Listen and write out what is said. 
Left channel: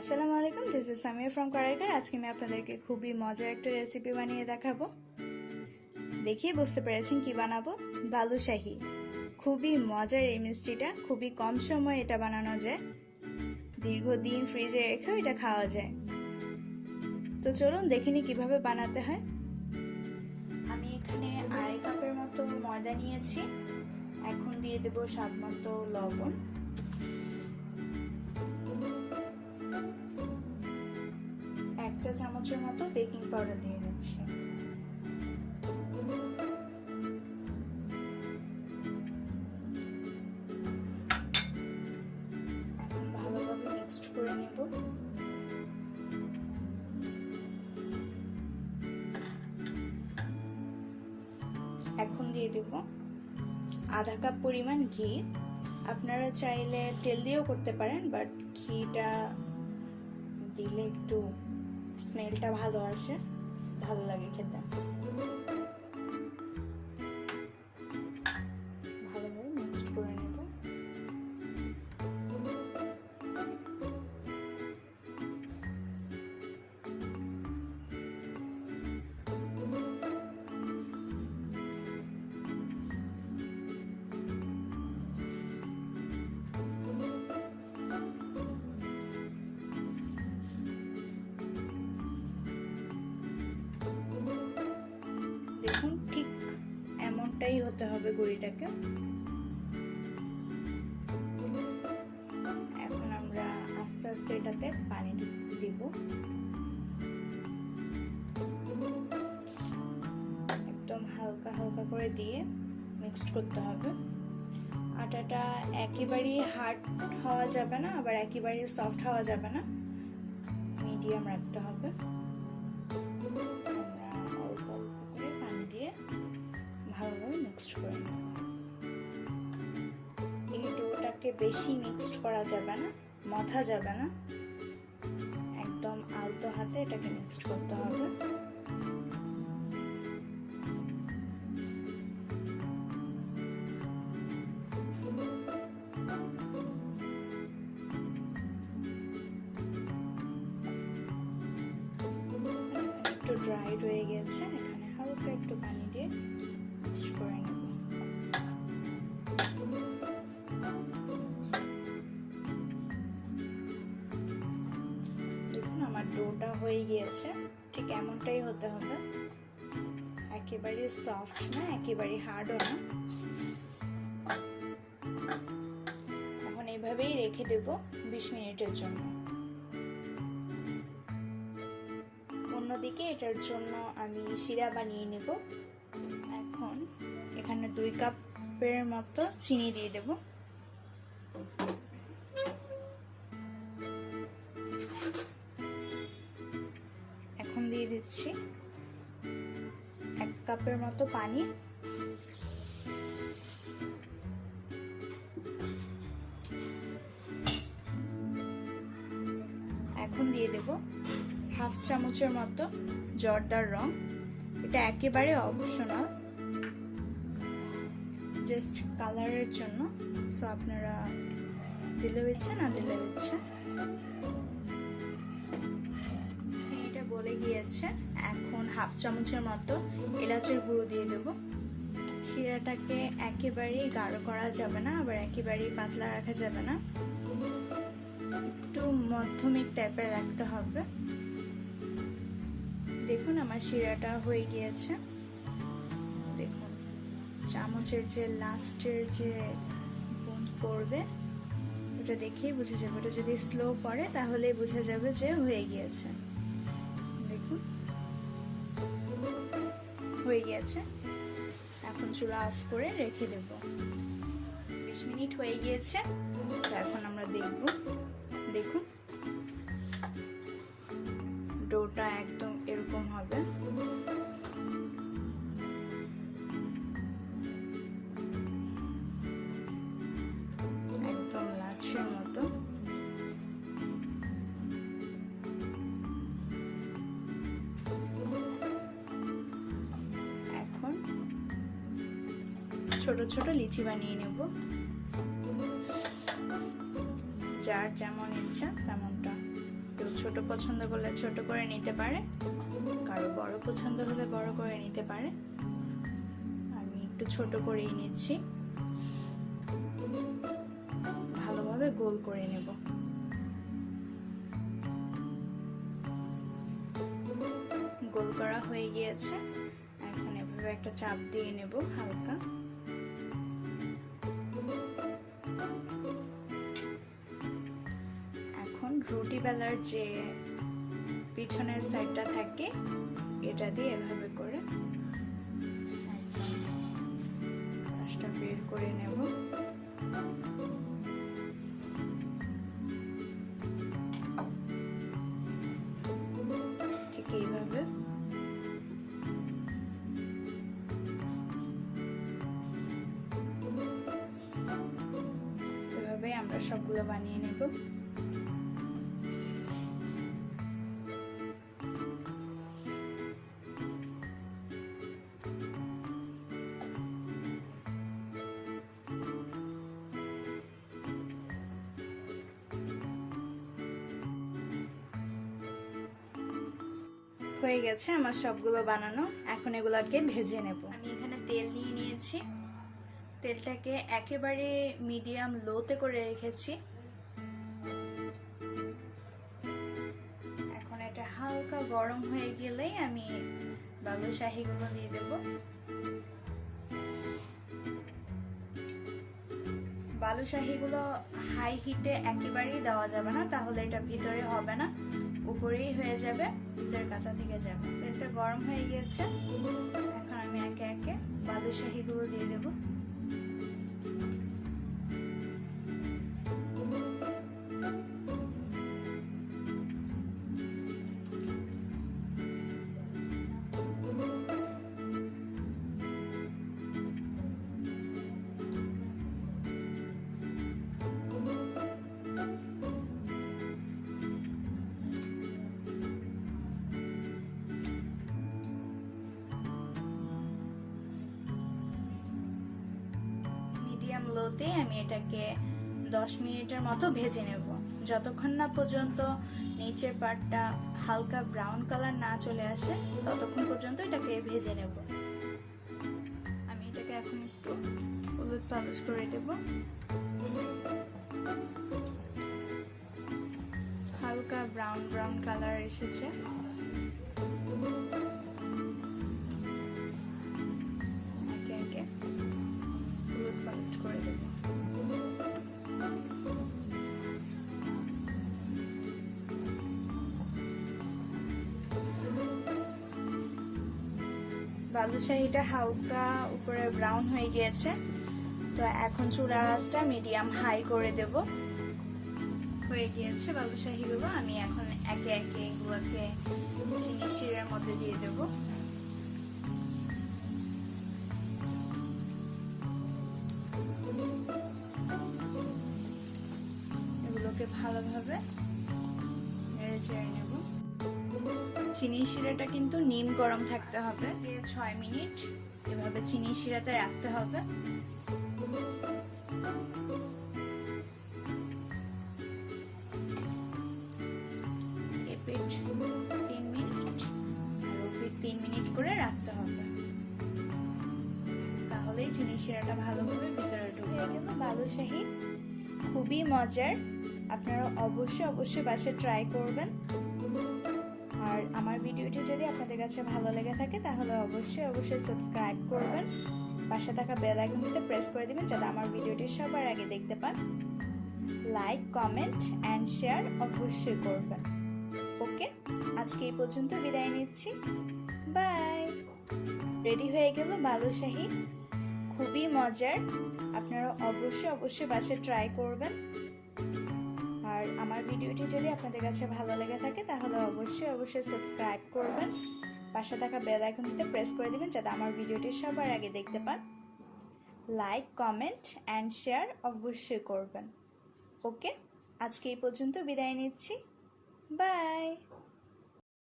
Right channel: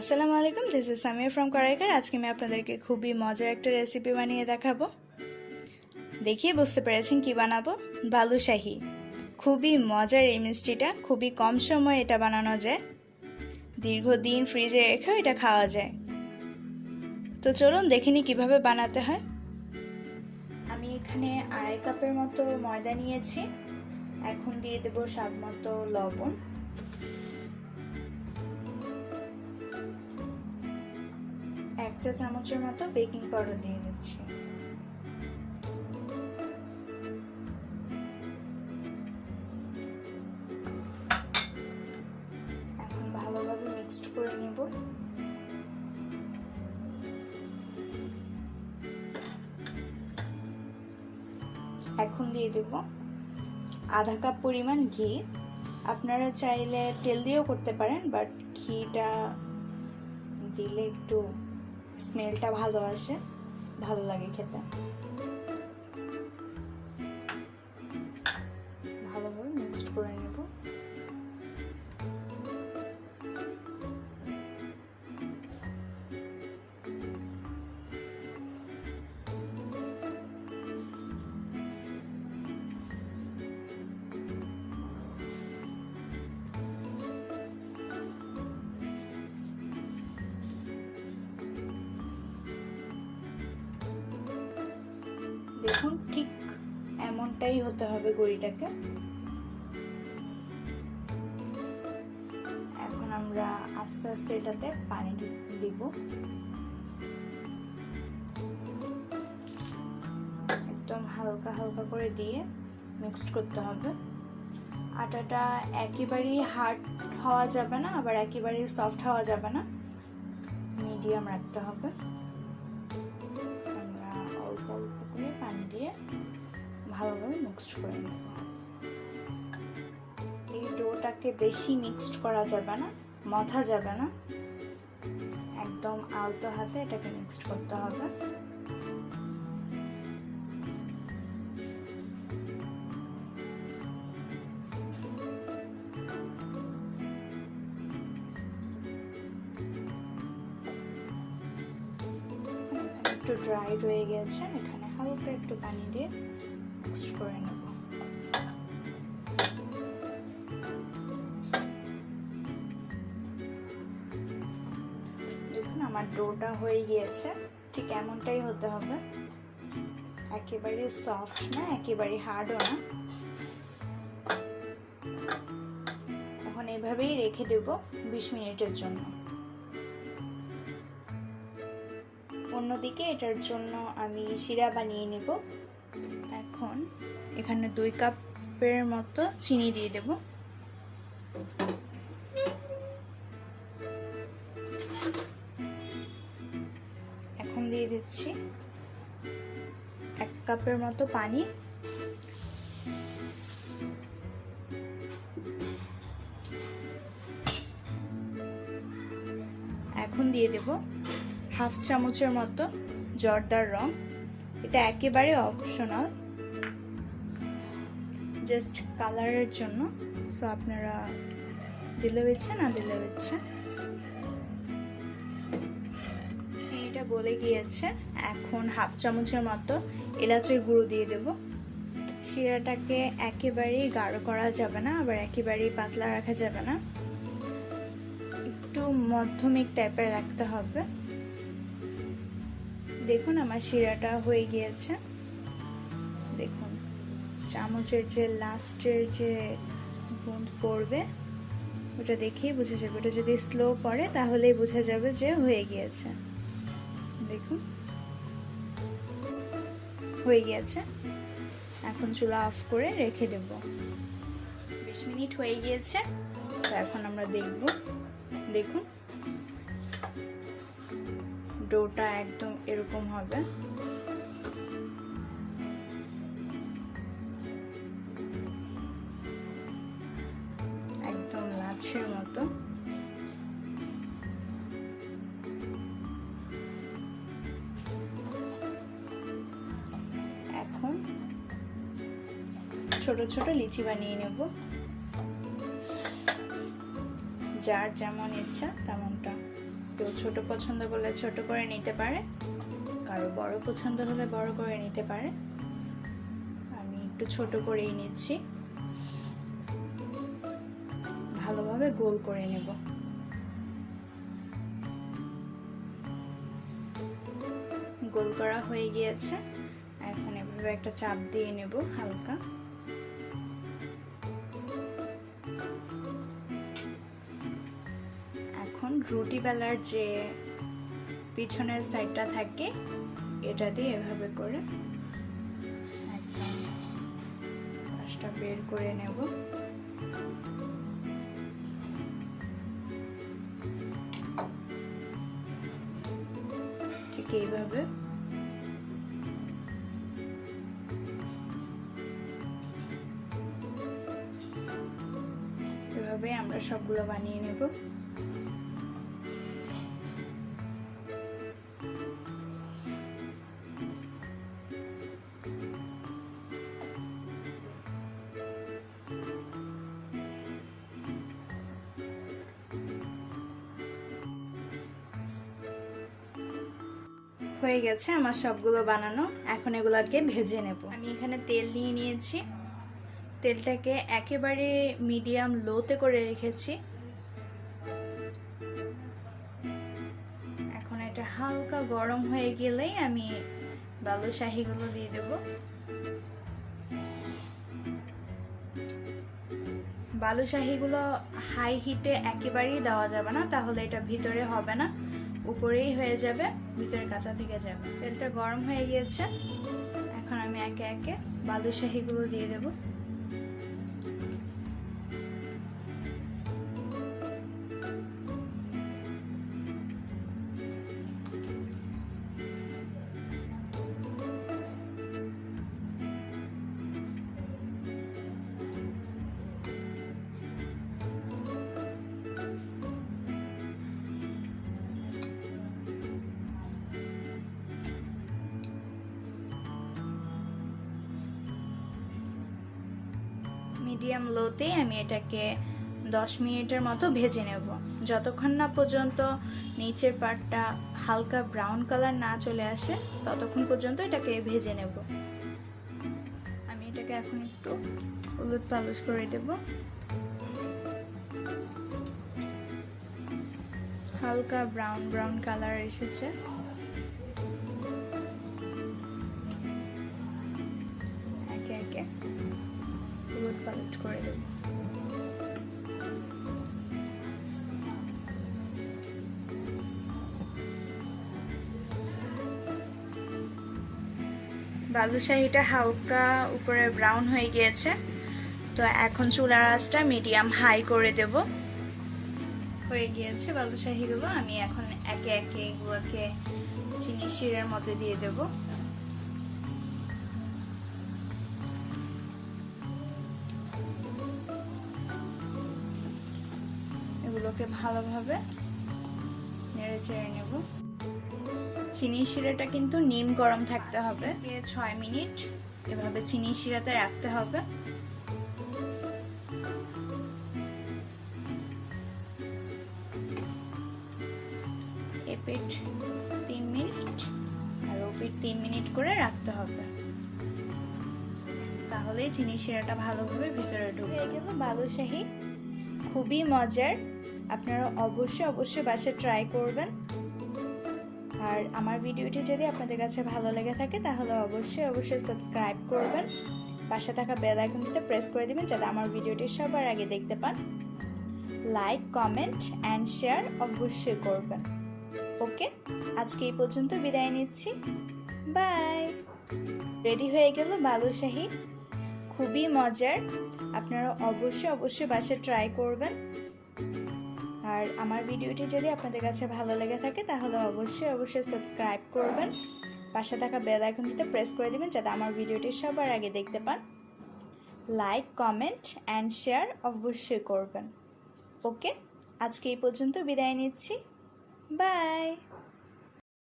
আসসালামু আলাইকুম, this is Samia from করাইকার। আজকে আমি আপনাদেরকে খুবই মজার একটা রেসিপি বানিয়ে দেখাবো। দেখিয়ে বুঝতে পেরেছেন কি বানাবো? বালুশাহি। খুবই মজার এই মিষ্টিটা, খুবই কম সময়ে এটা বানানো যায়, দীর্ঘদিন ফ্রিজে রেখেও এটা খাওয়া যায়। তো চলুন দেখে নিই কীভাবে বানাতে হয়। আমি এখানে 2.5 কাপের মতো ময়দা নিয়েছি। এখন দিয়ে দেবো স্বাদ মতো লবণ, 1 চা চামচের মতো বেকিং পাউডার দিয়ে দিচ্ছি। এখন ভালোভাবে মিক্সড করে নিব। এখন দিয়ে দেব আধা কাপ পরিমাণ ঘি। আপনারা চাইলে তেল দিয়েও করতে পারেন, বাট ঘিটা দিলে একটু স্মেলটা ভালো আসে, ভালো লাগে খেতে। ভালোভাবে মিক্সড করে নেব। এমনটাই হতে হবে গড়িটাকে। এখন আমরা আস্তে আস্তে এটাতে পানি দিব। একদম হালকা হালকা করে দিয়ে মিক্সড করতে হবে। আটাটা একেবারেই হার্ড হওয়া যাবে না, আবার একেবারেই সফট হওয়া যাবে না, মিডিয়াম রাখতে হবে। ভালোভাবে মিক্সড করে নেব। এই ডোটাকে বেশি মিক্সড করা যাবে না, মথা যাবে না, একদম আলতো হাতে এটাকে মিক্সড করতে হবে। একটু ড্রাই হয়ে গেছে, এখানে হালকা একটু পানি দিয়ে মিক্সড করে নেব। দেখুন আমার ডোটা হয়ে গিয়েছে, ঠিক এমনটাই হতে হবে, একেবারে সফট না, একেবারে হার্ডও না। এখন এভাবেই রেখে দেব 20 মিনিটের জন্য। অন্যদিকে এটার জন্য আমি শিরা বানিয়ে নেব। এখন এখানে 2 কাপের মতো চিনি দিয়ে দেব। এখন দিয়ে দিচ্ছি 1 কাপের মতো পানি। এখন দিয়ে দেব হাফ চামচের মতো জর্দার রং। এটা একেবারে অপশনাল, জাস্ট কালারের জন্য, সো আপনারা দিলে বেছে না দিলে বেছে। চিনিটা গলে গিয়েছে। এখন হাফ চামচের মতো এলাচের গুঁড়ো দিয়ে দেব। শিরাটাকে একেবারেই গাঢ় করা যাবে না, আবার একেবারেই পাতলা রাখা যাবে না, একটু মধ্যমিক টাইপের রাখতে হবে। দেখুন আমার শিরাটা হয়ে গিয়েছে। দেখুন চামচের যে লাস্টের যে বুঁদ পড়বে ওটা দেখেই বোঝা যাবে। ওটা যদি স্লো পড়ে তাহলেই বোঝা যাবে যে হয়ে গিয়েছে। দেখুন হয়ে গিয়েছে। এখন চুলা অফ করে রেখে দেব। 20 মিনিট হয়ে গিয়েছে, এখন আমরা দেখব। দেখুন ডোটা একদম এরকম হবে। একদম লাচ্ছের মতো। এখন ছোট ছোট লিচি বানিয়ে নেব। যার যেমন ইচ্ছা তেমনটা। ছোট করে নিতে পারে, কারো বড় পছন্দ হলে বড় করে নিতে পারে। আমি একটু ছোট করেই নিচ্ছি, ভালোভাবে গোল করে নেব। গোল করা হয়ে গিয়েছে, এখন এভাবে একটা চাপ দিয়ে নেব হালকা। এখন রুটি বেলার যে পিছনের সাইডটা থাকে এটা দিয়ে এভাবে করে রসটা বের করে নেব। ঠিক এইভাবে এভাবে আমরা সবগুলো বানিয়ে নেব। হয়ে গেছে আমার সবগুলো বানানো, এখন এগুলোকে ভেজে নেব। আমি এখানে তেল নিয়ে নিয়েছি, তেলটাকে একেবারে মিডিয়াম লোতে করে রেখেছি। এখন এটা হালকা গরম হয়ে গেলেই আমি বালুশাহিগুলো দিয়ে দেব। বালুশাহিগুলো হাই হিটে একেবারেই দেওয়া যাবে না, তাহলে এটা ভিতরে হবে না, উপরেই হয়ে যাবে, ভিতরে কাঁচা থেকে যাবে। তেলটা গরম হয়ে গিয়েছে, এখন আমি একে একে বালুশাহিগুলো দিয়ে দেব। মিডিয়াম লোতে আমি এটাকে 10 মিনিটের মতো ভেজে নেব, যতক্ষণ না পর্যন্ত নিচের পাটটা হালকা ব্রাউন কালার না চলে আসে ততক্ষণ পর্যন্ত এটাকে ভেজে নেব। আমি এটাকে এখন একটু হলুদ পালিশ করে দেব। হালকা ব্রাউন ব্রাউন কালার এসেছে, বালুশাহিটা হালকা উপরে ব্রাউন হয়ে গিয়েছে, তো এখন চুলার আঁচটা মিডিয়াম হাই করে দেব। হয়ে গিয়েছে বালুশাহিগুলো, আমি এখন একে একে এগুলোকে চিনি শিরার মধ্যে দিয়ে দেব। এগুলোকে ভালোভাবে নেড়ে চেড়ে নেব। চিনি শিরাটা কিন্তু নিম গরম থাকতে হবে, 6 মিনিট এভাবে চিনি শিরাতে রাখতে হবে। এপিঠ 3 মিনিট আর ওপিঠ 3 মিনিট করে রাখতে হবে, তাহলে চিনি শিরাটা ভালোভাবে ভিতরে ঢুকে গেল। বালুশাহি খুবই মজার, আপনারা অবশ্যই বাসায় ট্রাই করবেন। আর আমার ভিডিওটি যদি আপনাদের কাছে ভালো লেগে থাকে তাহলে অবশ্যই সাবস্ক্রাইব করবেন, পাশে থাকা বেল আইকনটিতে প্রেস করে দিবেন যাতে আমার ভিডিওটি সবার আগে দেখতে পান। লাইক, কমেন্ট অ্যান্ড শেয়ার অবশ্যই করবেন। ওকে, আজকে এই পর্যন্ত বিদায় নিচ্ছি, বাই। রেডি হয়ে গেল বালুশাহি, খুবই মজার, আপনারা অবশ্যই বাসায় ট্রাই করবেন। আর আমার ভিডিওটি যদি আপনাদের কাছে ভালো লেগে থাকে তাহলে অবশ্যই সাবস্ক্রাইব করবেন, পাশে থাকা বেল আইকনটিতে প্রেস করে দিবেন যাতে আমার ভিডিওটি সবার আগে দেখতে পান। লাইক, কমেন্ট অ্যান্ড শেয়ার অবশ্যই করবেন। ওকে, আজকে এই পর্যন্ত বিদায় নিচ্ছি, বাই।